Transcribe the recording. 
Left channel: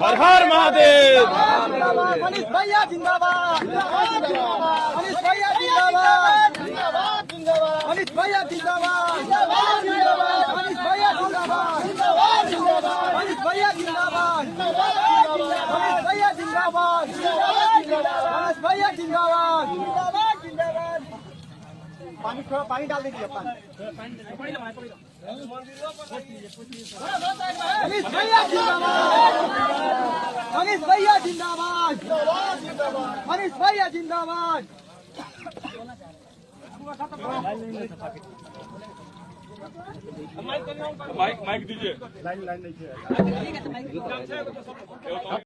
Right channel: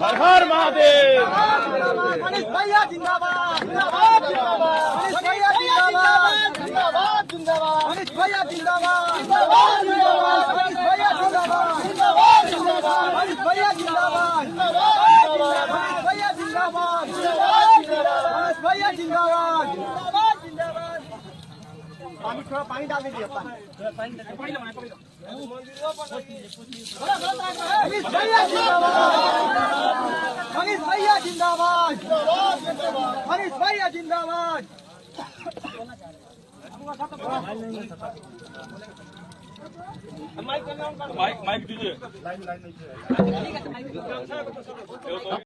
हर हर महादेव। मनीष भैया जिंदाबाद, मनीष भैया जिंदाबाद, मनीष भैया जिंदाबाद, मनीष भैया जिंदाबाद, मनीष भैया जिंदाबाद, मनीष भैया जिंदाबाद, मनीष भैया जिंदाबाद। पानी थोड़ा पानी डाल दीजिए। मनीष भैया जिंदाबाद, मनीष भैया जिंदाबाद, मनीष भैया जिंदाबाद। माइक दीजिए।